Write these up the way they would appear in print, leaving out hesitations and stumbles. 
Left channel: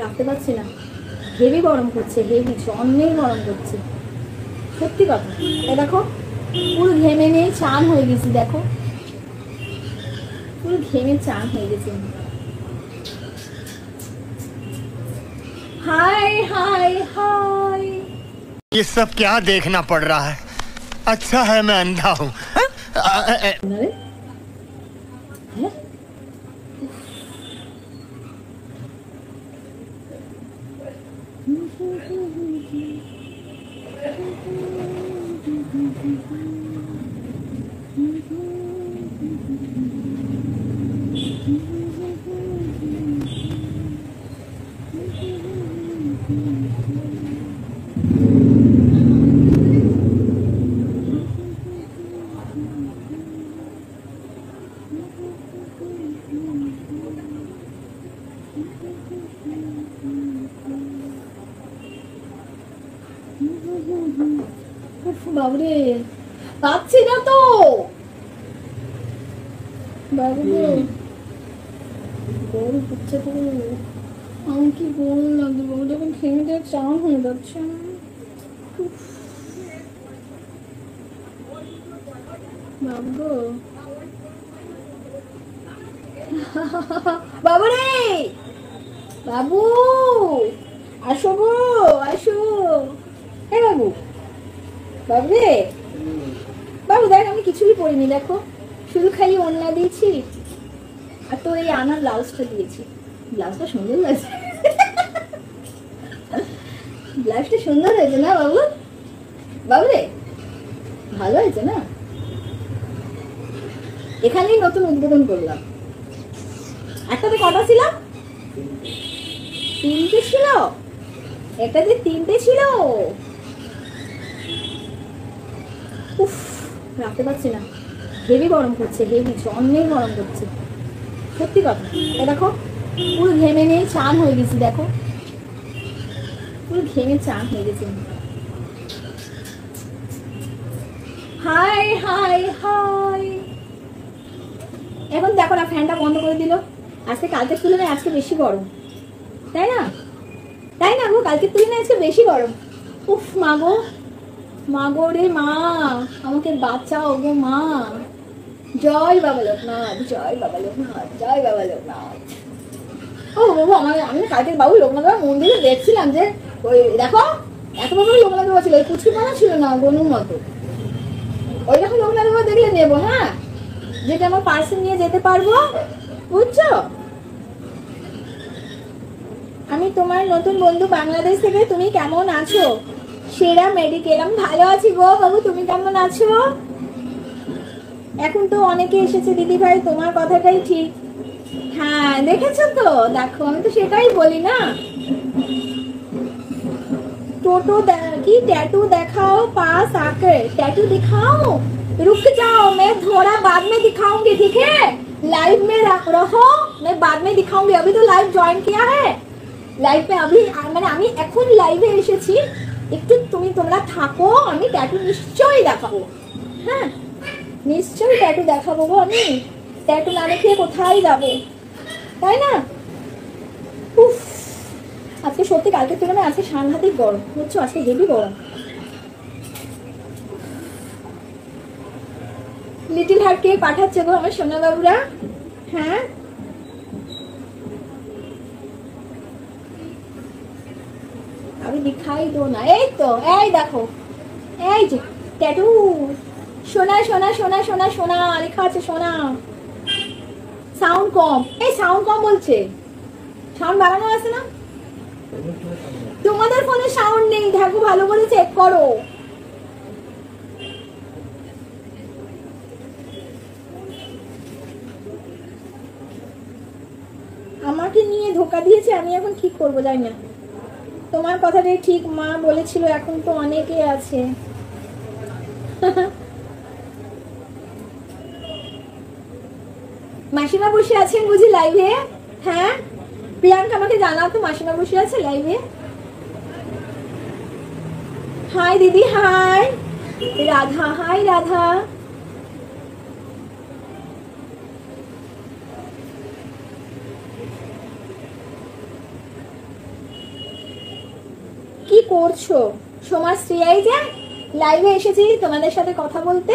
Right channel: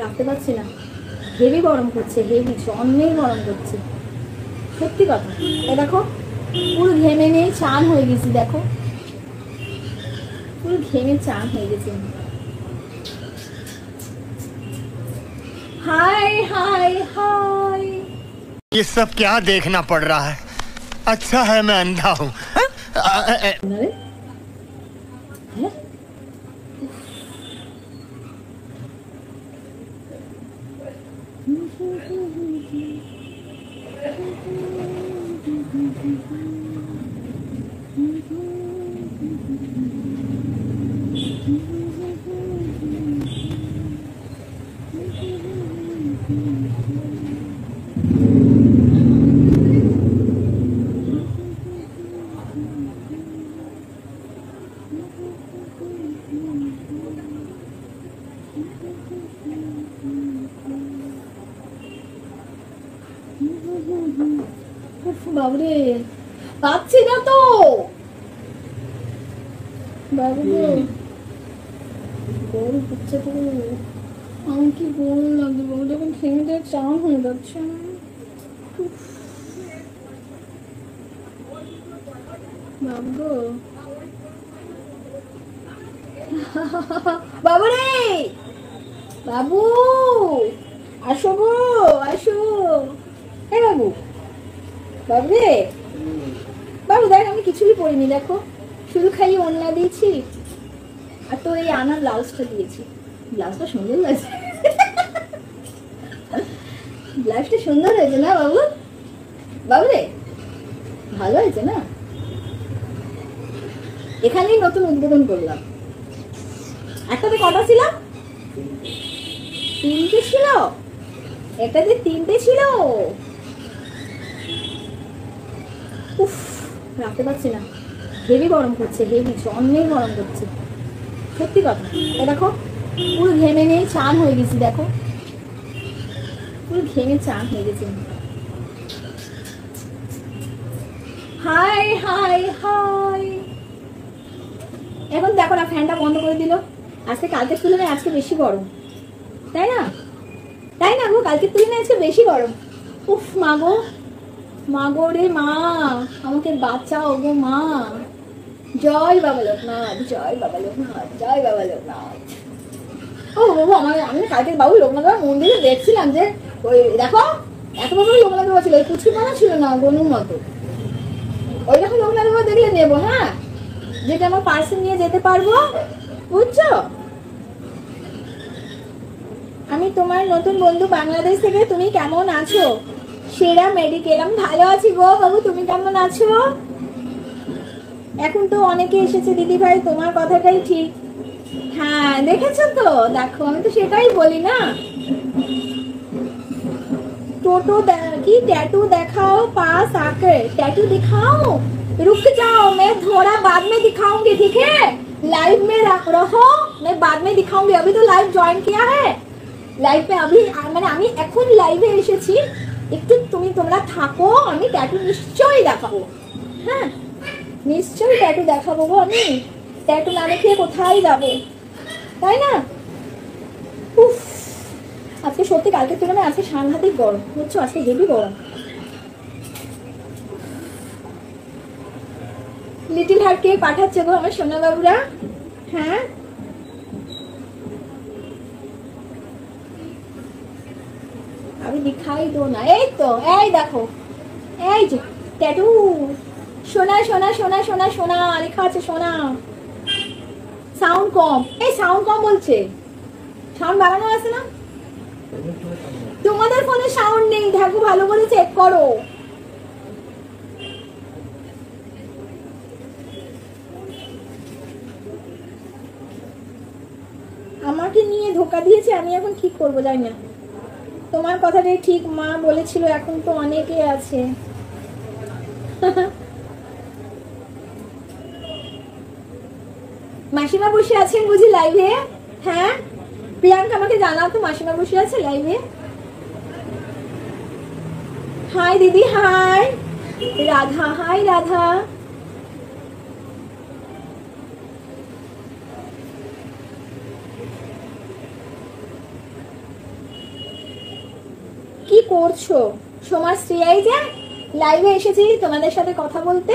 রাখতে পারছি না, হেভি গরম করছে, হেভি অনেক গরম করছে সত্যি কথা। এ দেখো পুরো ঘেমে নিয়ে চান হয়ে গেছি, দেখো পুরো ঘেমে চান হয়ে গেছে। हाय हाय हाय, ये सब क्या देखना पड़ रहा है? अच्छा है मैं अंधा हूँ। বাবরে পাচ্ছি না তো, বাবরে বের হচ্ছে তো, আমি কি বললাম যখন ফ্যামিলি চান হয়ে যাচ্ছে। বাবরে বাবু আসো গো, আসো। হ্যাঁ বাবু, বাবু রে বাবু দেখ আমি কিছুই করিনি, দেখো শুধু খালি ওড়না দিয়েছি আর তোর এই আনার ব্লাউজটা দিয়েছি। ব্লাউজটা সুন্দর লাগছে, ব্লাউজটা সুন্দর হয়েছে না বাবু? বাবু রে ভালো হয়েছে না? এখানেই নতুন উদ্বোধন করলাম। একটাতে কটা ছিল? তিনটে ছিল, এটাতে তিনটে ছিল। রাখতে পারছি না, হেভি গরম করছে, হেভি অনেক গরম করছে সত্যি কথা। এ দেখো পুরো ঘেমে নিয়ে চান হয়ে গেছি, দেখো পুরো ঘেমে চান হয়ে গেছে। হাই হাই হাই, এখন দেখো না ফ্যানটা বন্ধ করে দিল। আজকে কালকের তুলনায় আজকে বেশি গরম, তাই না? তাই না গো, কালকের তুলনায় আজকে বেশি গরম। উফ মা গো, মা গো রে মা, আমাকে বাঁচাও গো মা। জয় বাবা লোকনাথ, জয় বাবা লোকনাথ, জয় বাবা লোকনাথ। ও বাবু আমি কালকে বাবু লোকনাথ মন্দিরে দেখছিলাম যে ওই দেখো এত বড় লোকনাথ বাবা ছিল, কুচি মনে ছিল না গলির মতো। ওই যখন লোকনাথ বাবা দেখলে নেবো, হ্যাঁ যেটা আমার পার্সে নিয়ে যেতে পারবো, বুঝছো? আমি তোমার নতুন বন্ধু বাংলাদেশ থেকে, তুমি কেমন আছো? সেরা মেডিকেল, আমি ভালো আছি গো বাবু, তুমি কেমন আছো? এখন তো অনেকে এসেছে দিদি ভাই, তোমার কথাটাই ঠিক। হ্যাঁ দেখেছো তো, দেখো আমি তো সেটাই বলি না। टोटो की टैटू दिखाओ, पास आकर टैटू दिखाओ। रुक जाओ, मैं थोड़ा बाद में दिखाऊंगी, ठीक है? लाइव में रहो, मैं बाद में दिखाऊंगी। अभी तो लाइव ज्वाइन किया है, लाइव में अभी मैंने আমি এখন লাইভে এসেছি, একটু তোমরা থাকো, আমি ট্যাটু নিশ্চয়ই দেখাবো। নিশ্চয়ই ট্যাটু দেখাবো, আমি ট্যাটু দেখাতে কোথায় যাবো, তাই না? আজকে সত্যি কালকে তুলনায় আজকে সাংঘাতিক গরম হচ্ছে, আজকে হেভি গরম। লিটিল হার্টকে পাঠাচ্ছে গো আমার সোনা বাবুরা। হ্যাঁ আমি দিখাই দো না, এই তো এই দেখো, এই যে ট্যাটু সোনা সোনা সোনা সোনা সোনা লেখা আছে, সোনা। সাউন্ড কম, এই সাউন্ড কম বলছে, সাউন্ড বাড়ানো আছে না? তোমাদের ফোনে সাউন্ড নেই, দেখো ভালো করে চেক করো। আমাকে নিয়ে ধোকা দিয়েছে, আমি এখন ঠিক করবো, জানি না। তোমার কথাটাই ঠিক, মা বলেছিল এখন তো অনেকেই আছে। মাসিমা বসে আছেন বুঝি লাইভে? হ্যাঁ প্রিয়াঙ্কা আমাকে জানাও তো, মাসিমা বসে আছে লাইভে? হাই দিদি, হাই রাধা, হাই রাধা। করছো? সমাজশ্রী এই যে লাইভে এসেছি তোমাদের সাথে কথা বলতে।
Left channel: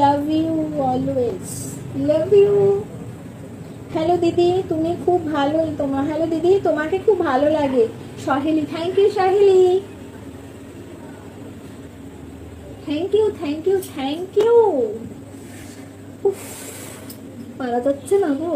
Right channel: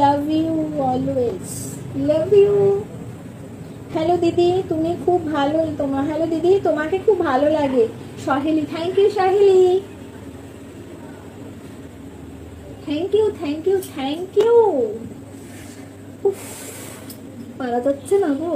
Love you always, love you. Hello দিদি, তুমি খুব ভালো। তোমার হ্যালো দিদি, তোমাকে খুব ভালো লাগে। Saheli, thank you Saheli, thank you thank you thank you. পারা যাচ্ছে না গো,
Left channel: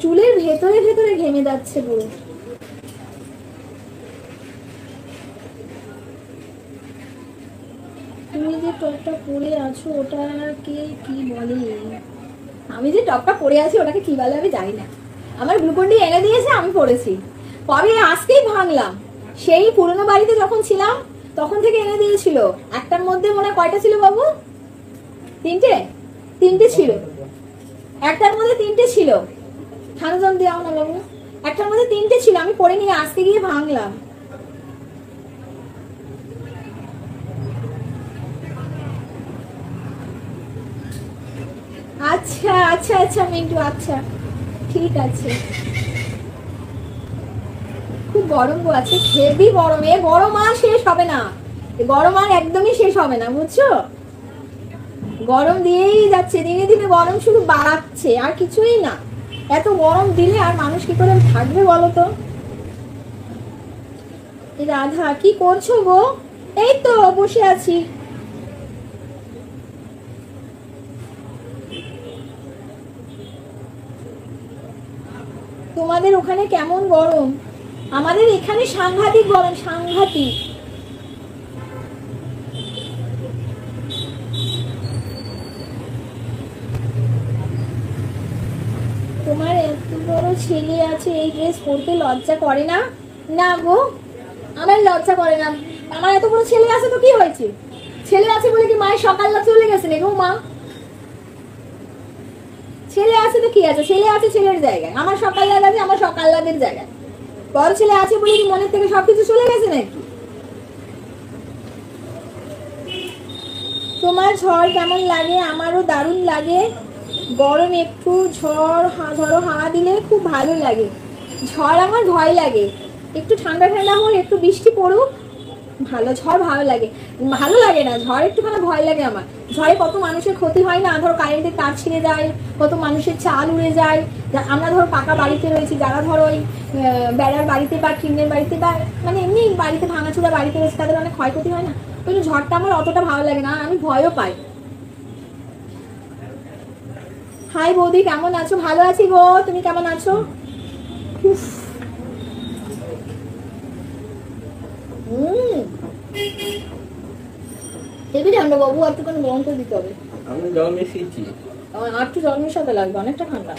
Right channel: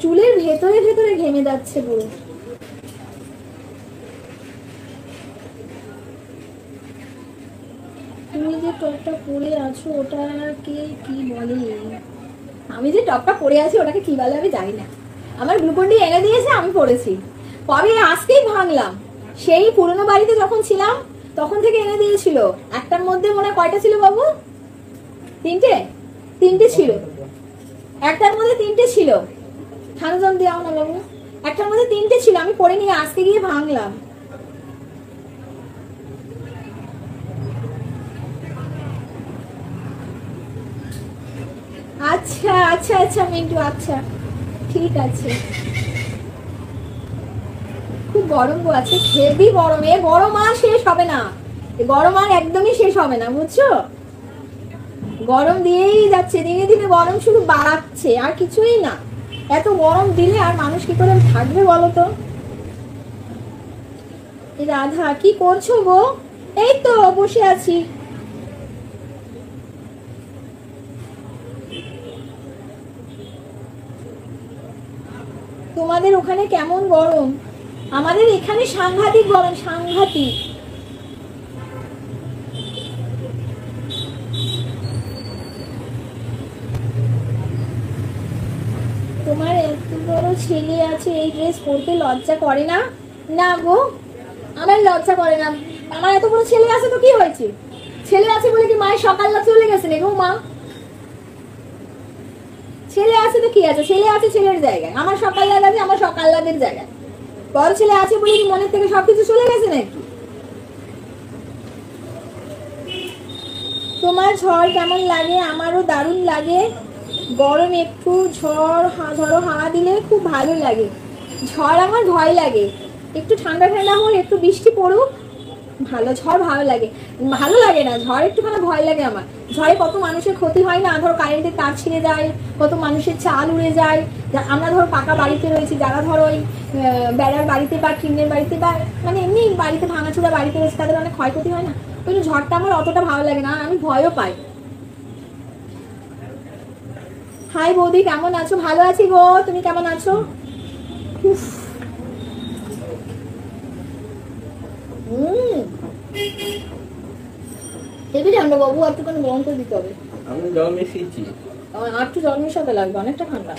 চুলের ভেতরে ভেতরে ঘেমে যাচ্ছে পুরো। তুমি যে টপটা পরে আছো ওটাকে কি বলে? আমি যে টপটা পরে আছি ওটাকে কি বলে আমি জানি না। আমার গ্লুকন্ডি এনে দিয়েছে, আমি পরেছি। কবে আজকেই ভাঙলাম, সেই পুরনো বাড়িতে যখন ছিলাম তখন থেকে এনে দিয়েছিল। একটার মধ্যে মনে হয় কয়টা ছিল বাবু? তিনটে ছিল। একটার মধ্যে তিনটে ছিল। খানজান দেওয়া না বাবু, একটার মধ্যে তিনটে ছিল। আমি পরে নিয়ে আসতে গিয়ে ভাঙলাম। আচ্ছা আচ্ছা আচ্ছা মিন্টু, আচ্ছা ঠিক আছে। খুব গরম আছে, হেভি গরম। এই গরম আর শেষ হবে না, গরম আর একদমই শেষ হবে না, বুঝছো? গরম দিয়েই যাচ্ছে, দিনে দিনে গরম শুধু বাড়াচ্ছে, আর কিছুই না। এত গরম দিলে আর মানুষ কি করে থাকবে বলো তো? রাধা কি করছো গো? এই তো বসে আছি। তোমাদের ওখানে কেমন গরম? আমাদের এখানে সাংঘাতিক গরম, সাংঘাতিক। তোমার এত বড় ছেলে আছে, এই ড্রেস পরতে লজ্জা করে না? না গো, আমার লজ্জা করে না। আমার এত বড় ছেলে আছে তো কি হয়েছে? ছেলে আছে বলে কি মায়ের সকালবেলা চলে গেছে নাকি? মা ছেলে আছে তো কি আছে? ছেলে আছে ছেলের জায়গায়, আমার সকালবেলা আছে আমার সকালবেলাদের জায়গায়। বড় ছেলে আছে বলে কি মনের থেকে সবকিছু চলে গেছে নাকি? তোমার ঝড় কেমন লাগে? আমারও দারুণ লাগে। গরম একটু ঝড় ঝড়ো হাওয়া দিলে খুব ভালো লাগে। ঝড় আমার ভয় লাগে, একটু ঠান্ডা ঠান্ডা হোক, একটু বৃষ্টি পড়ুক, ভালো। ঝড় ভালো লাগে, ভালো লাগে না ঝড়, একটুখানি ভয় লাগে আমার। ঝড়ে কত মানুষের ক্ষতি হয় না? ধরো কারেন্টের তার ছিঁড়ে যায়, কত মানুষের চাল উড়ে যায়। আমরা ধরো পাকা বাড়িতে রয়েছি, যারা ধরো ওই বেড়ার বাড়িতে বা টিনের বাড়িতে বা মানে এমনি বাড়িতে ভাঙাচোরা বাড়িতে রয়েছে, তাদের অনেক ক্ষয়ক্ষতি হয় না। ওই ঝড়টা আমার অতটা ভালো লাগে না, আমি ভয়ও পাই। হাই বৌদি, কেমন আছো? ভালো আছি গো, তুমি কেমন আছো? বাবু আপনাকে গরম করে দিতে হবে। আর কি গরমের সাথে লাগবে, অনেকটা ঠান্ডা।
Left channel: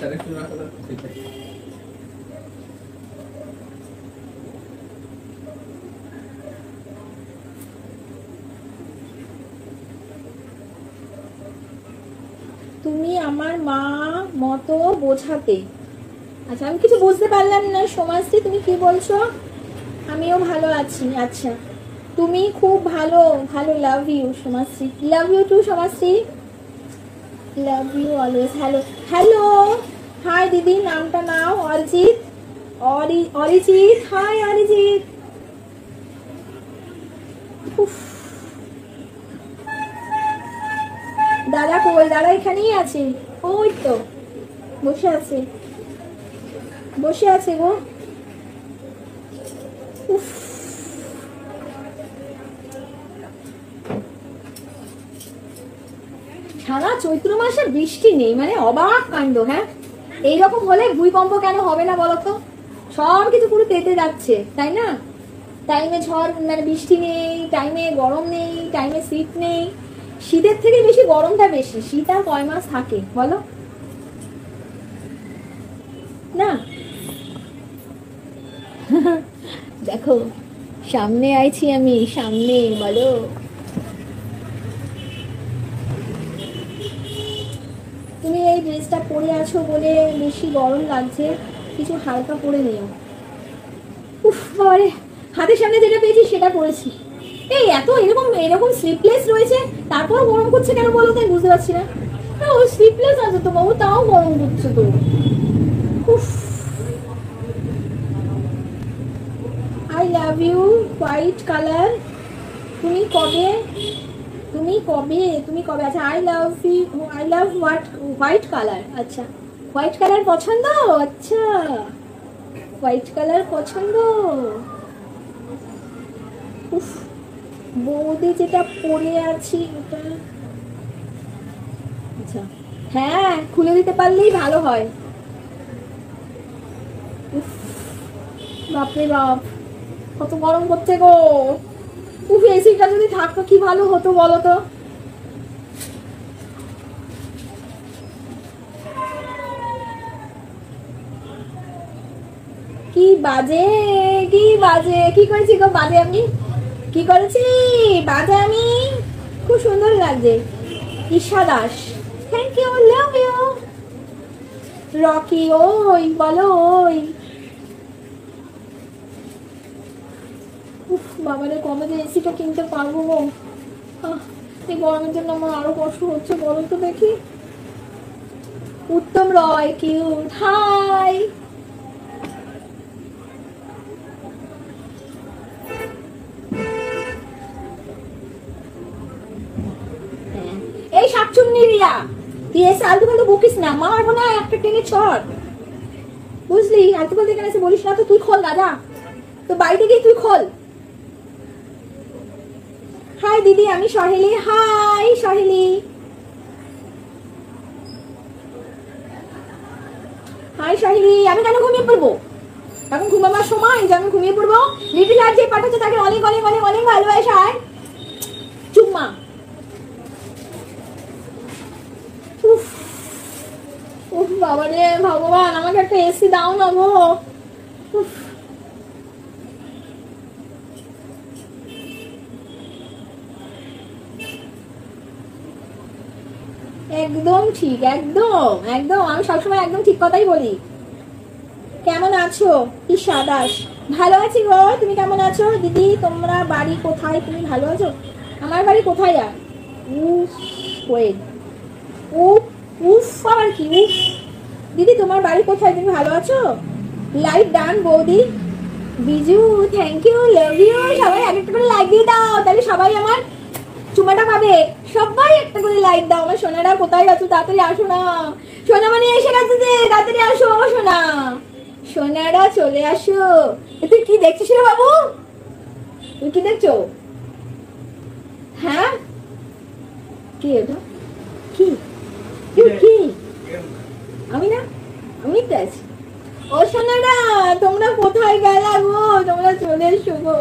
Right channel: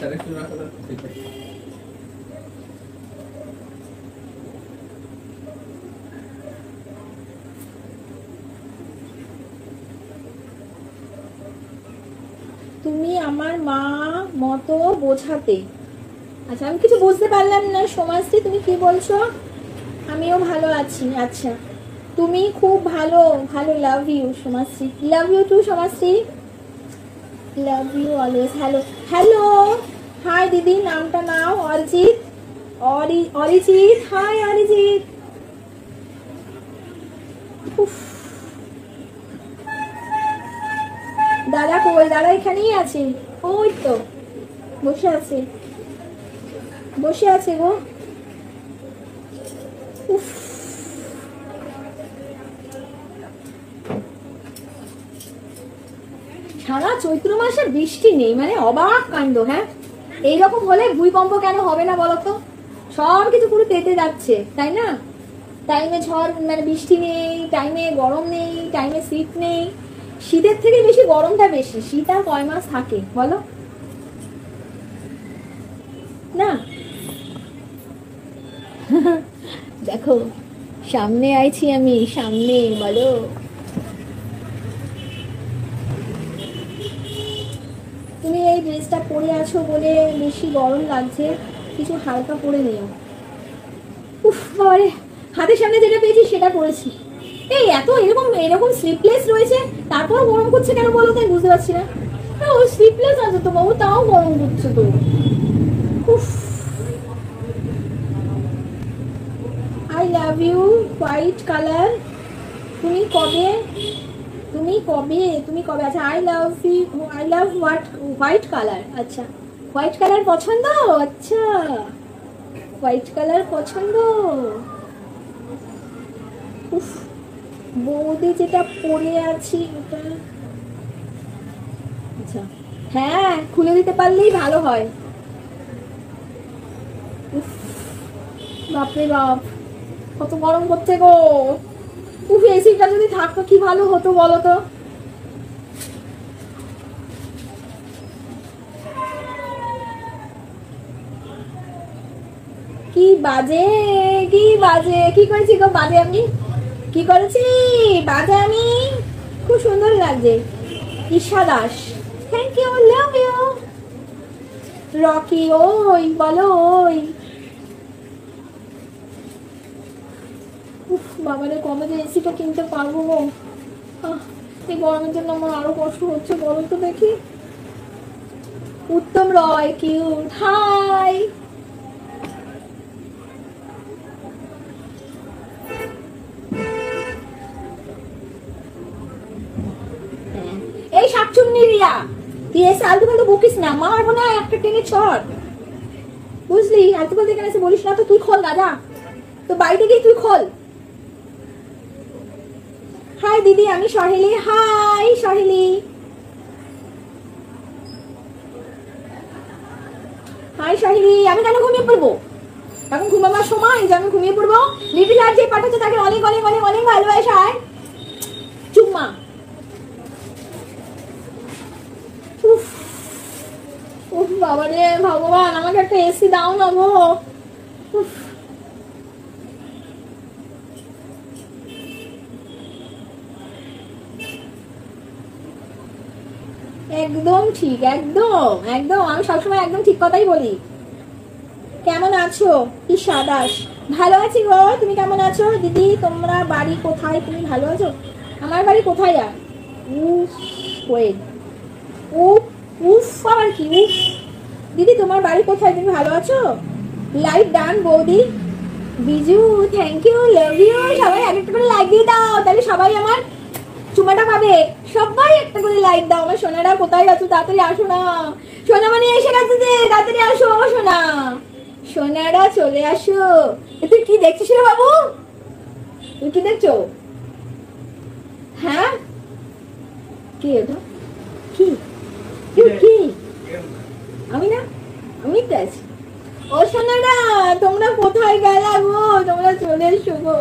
তুমি আমার মা মতো বোঝাতে। আচ্ছা আমি কিছু বুঝতে পারলাম না সমাজশ্রী, তুমি কি বলছো? আমিও ভালো আছি। আচ্ছা তুমি খুব ভালো, ভালো। Love you Samajshree, love you too Samajshree, love you always. Hello hello, hi দিদি, নামটা নাও। অরিজিৎ, অরিজিৎ, হাই অরিজিৎ। দাদা কই? দাদা এখানেই আছে, ওই তো বসে আছে, বসে আছে গো। সারা চৈত্র মাসে বৃষ্টি নেই, মানে অবাক কাণ্ড। হ্যাঁ, এইরকম হলে ভূমিকম্প কেন হবে না বলতো? সব কিছু পুরো তেতে যাচ্ছে, তাই না? টাইমে ঝড় মানে বৃষ্টি নেই, টাইমে গরম নেই, টাইমে শীত নেই। শীতের থেকে বেশি গরমটা বেশি। শীত আর কয় মাস থাকে বলো? নেই। দেখো সামনে আইছি আমি, সামনে বলো। তুমি এই ড্রেসটা পরে আছো বলে বেশি গরম লাগছে, কিছু হালকা পরে নিও। উফ বাবারে, হাতের সামনে যেটা পেয়েছি সেটা পরেছি। এই এত এরকম এরকম স্লিপলেস রয়েছে, তারপর গরম করছে কেন বলো? তাই বুঝতে পারছি না। ও স্লিপলেস আছে তো বাবু, তাও গরম করছে তো। I love you white color. তুমি কবে আচ্ছা I love what white color. আচ্ছা হোয়াইট কালার পছন্দ, আচ্ছা হোয়াইট কালার পছন্দ। বৌদি যেটা পরে আছি ওটা আচ্ছা হ্যাঁ খুলে দিতে পারলেই ভালো হয়। কি ভালো হতো বলো তো। কি বাজে কি করেছি গো বাজে আমি কি করেছি বাজে আমি খুব সুন্দর লাগছে। Isha Das thank you love you. Rocky ওই বলো ওই বাবারে কবে যে এসিটা কিনতে পারবো গো। এই গরমের জন্য আমার আরো কষ্ট হচ্ছে বলো তো দেখি। উত্তম রয় কিউট হাই। এই শাকচুন্নিরা ইয়েস আলতু ফালতু বকিস না, মারবো না একটা তুমি চল বুঝলি। আলতু ফালতু এখানে এসে বলিস না তো। তুই খোল গাজা, তো বাড়িতে গিয়ে তুই খোল। হাই দিদি আমি সহেলি। হাই সহেলি। হাই সহেলি। আমি কেন ঘুমিয়ে পড়বো? এখন ঘুমাবার সময় যে আমি ঘুমিয়ে পড়বো? লিটিল হার্ট যে পাঠাচ্ছে তাকে অনেক অনেক অনেক অনেক ভালোবাসা। চুম্মা। বাবা রে ভগবান আমাকে একটা এসি দাও না গো। একদম ঠিক একদম একদম আমি সবসময় একদম ঠিক কথাই বলি। কেমন আছো ঈশা দাস? ভালো আছি গো, তুমি কেমন আছো দিদি? তোমরা বাড়ি কোথায়? তুমি ভালো আছো? আমার বাড়ি কোথায় আর দিদি তোমার বাড়ি কোথায়? তুমি ভালো আছো? লাইক ডান বৌদি Biju thank you love you. সবাই একটা করে লাইক দিয়ে দাও তাহলে সবাই আমার চুমাটা পাবে। সবাই একটা করে লাইক দাও না। সোনারা কোথায় আছে? তাড়াতাড়ি আসো না। সোনামানি এসে গেছে যে তাড়াতাড়ি আসো না সোনারা চলে আসো। কি দেখছিস রে বাবু? কি কি ও সোনারা তোমরা কোথায় গেলা গো? তোমরা চলে এসো গো।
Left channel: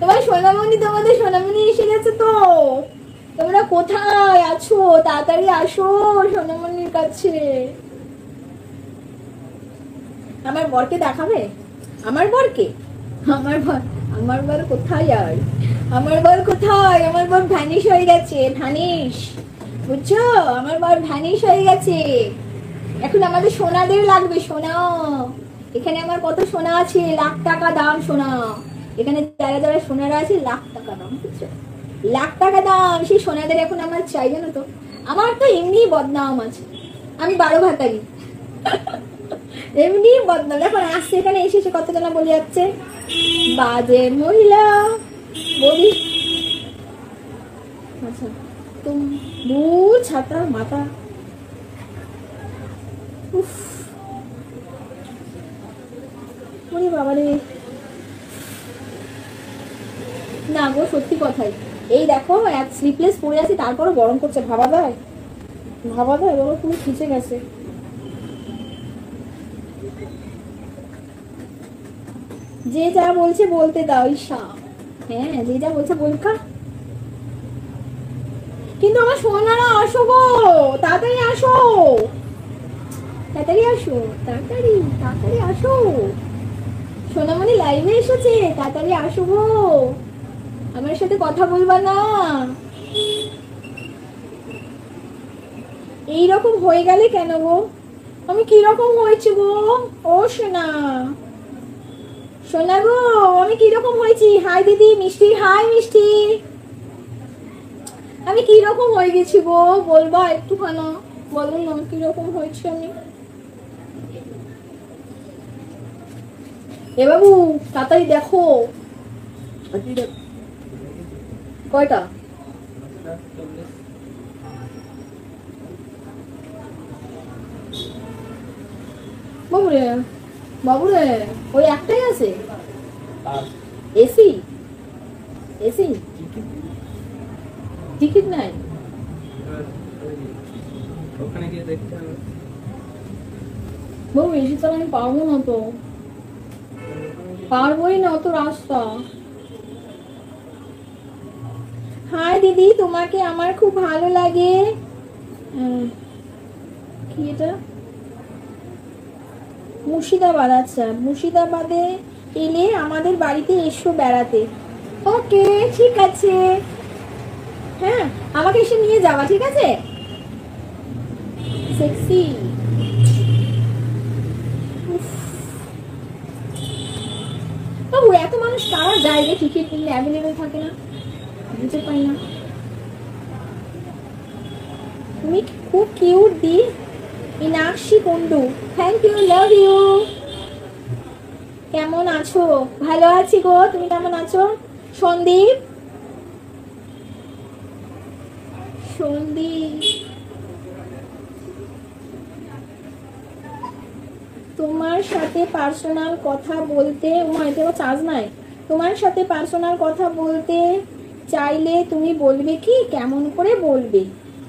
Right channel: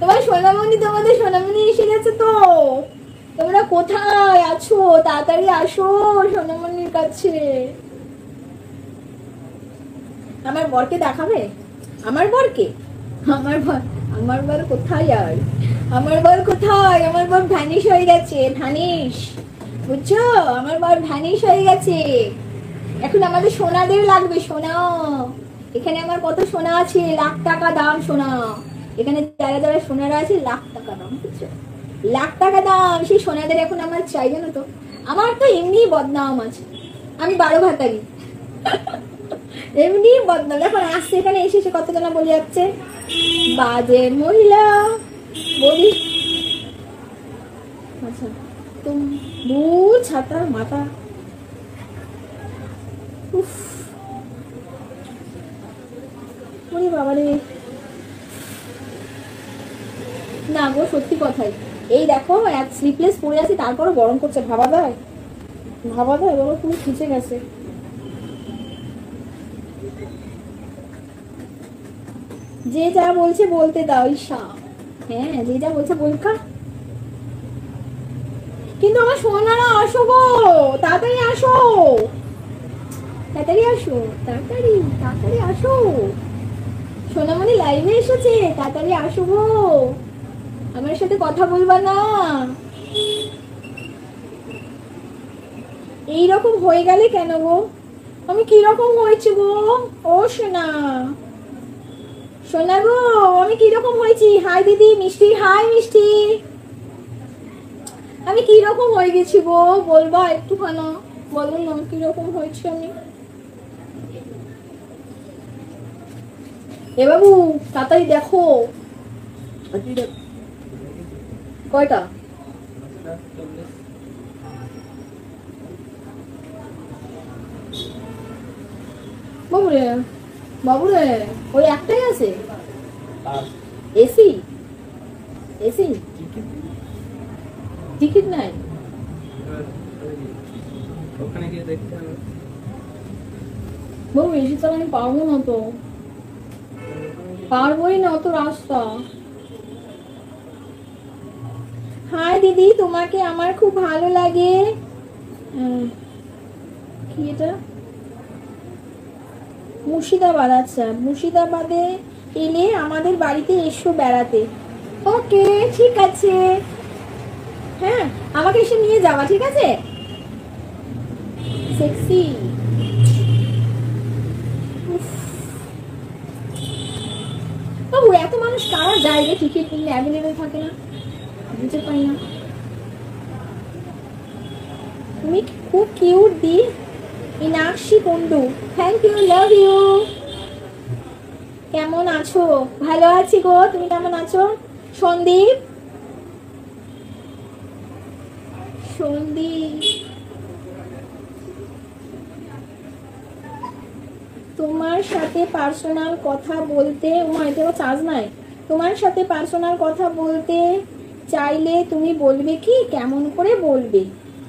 তোমার সোনামণি তোমাদের সোনামণি এসে গেছে তো। তোমরা কোথায় আছো? তাড়াতাড়ি আসো সোনামণির কাছে। আমার বরকে দেখাবে? আমার বরকে? আমার বর কোথায় আর? আমার বর কোথায়? আমার বর ভ্যানিশ হয়ে গেছে। ভ্যানিশ বুঝছো? আমার বর ভ্যানিশ হয়ে গেছে। এখন আমাদের সোনাদের লাগবে। সোনা এখানে আমার কত সোনা আছে, লাখ টাকা দাম সোনা। এখানে যারা যারা সোনারা আছে লাখ টাকা দাম, বুঝছো? লাখ টাকা দাম সেই সোনাদের এখন আমার চাইবে না তো। আমার তো এমনি বদনাম আছে, আমি 12 ভাতারি এমনি বদনাম। এখন আসছে এখানে এসে সে কত টাকা বলে যাচ্ছে বাজে মহিলা বলি। আচ্ছা দূর ছাতা মাথা। বাবারে না গো সত্যি কথাই। এই দেখো স্লিপলেস পরে আছে তারপরও গরম করছে। ভাবা যায় বলো? তুমি খুঁজে গেছে। যে যা বলছে বলতে দাও ঈশা। হ্যাঁ যে যা বলছে বলতে। কিন্তু আমার সোনারা আসো গো, তাড়াতাড়ি আসো তাড়াতাড়ি আসো তাড়াতাড়ি তাড়াতাড়ি আসো। সোনামণি লাইভে এসেছে, তাড়াতাড়ি আসো গো। আমার সাথে কথা বলবা না। এইরকম হয়ে গেলে কেন গো? আমি কিরকম হয়েছে গো? ও সোনা সোনা গো আমি কিরকম হয়েছি? হাই দিদি মিষ্টি। হাই মিষ্টি। আমি কিরকম হয়ে গেছি গো বলবা একটুখানা? বলো না কিরকম হয়েছে আমি। ও বাবু কতই দেখো ওরে ওই একটাই আছে এসি এসি টিকিট নাই বাবু এসি তো আমি পাবো না তো পারবোই না অত রাস্তা হ্যাঁ দিদি তোমাকে আমার খুব ভালো লাগে কি এটা মুর্শিদাবাদ আচ্ছা মুর্শিদাবাদে এলে আমাদের বাড়িতে এসো বেড়াতে ওকে ঠিক আছে হ্যাঁ আমাকে এসে নিয়ে যাওয়া ঠিক আছে সেক্সি বাবু এত মানুষ কারা যায় যে টিকিট কিনলে অ্যাভেলেবেল থাকে না বুঝতে পাই না তুমি খুব কিউট দি Minakshi Kundu thank you love you কেমন আছো ভালো আছি গো তুমি কেমন আছো সন্দীপ সন্দীপ তোমার সাথে পার্সোনাল কথা বলতে এতে চার্জ নাই তোমার সাথে পার্সোনাল কথা বলতে চাইলে তুমি বলবে কি কেমন করে বলবে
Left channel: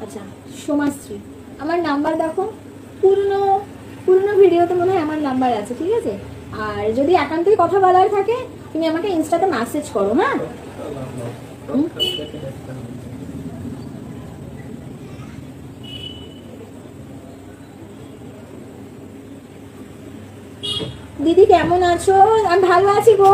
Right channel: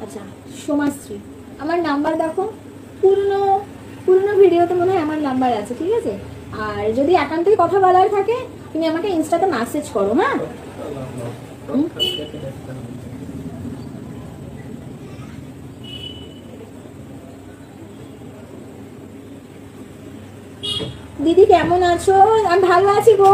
আচ্ছা সোমাশ্রী আমার নাম্বার দেখো পূর্ণ যদি একান্তই কথা বলার থাকে তুমি আমাকে ইনস্টাতে মেসেজ করো হ্যাঁ দিদি কেমন আছো আমি ভালো আছি গো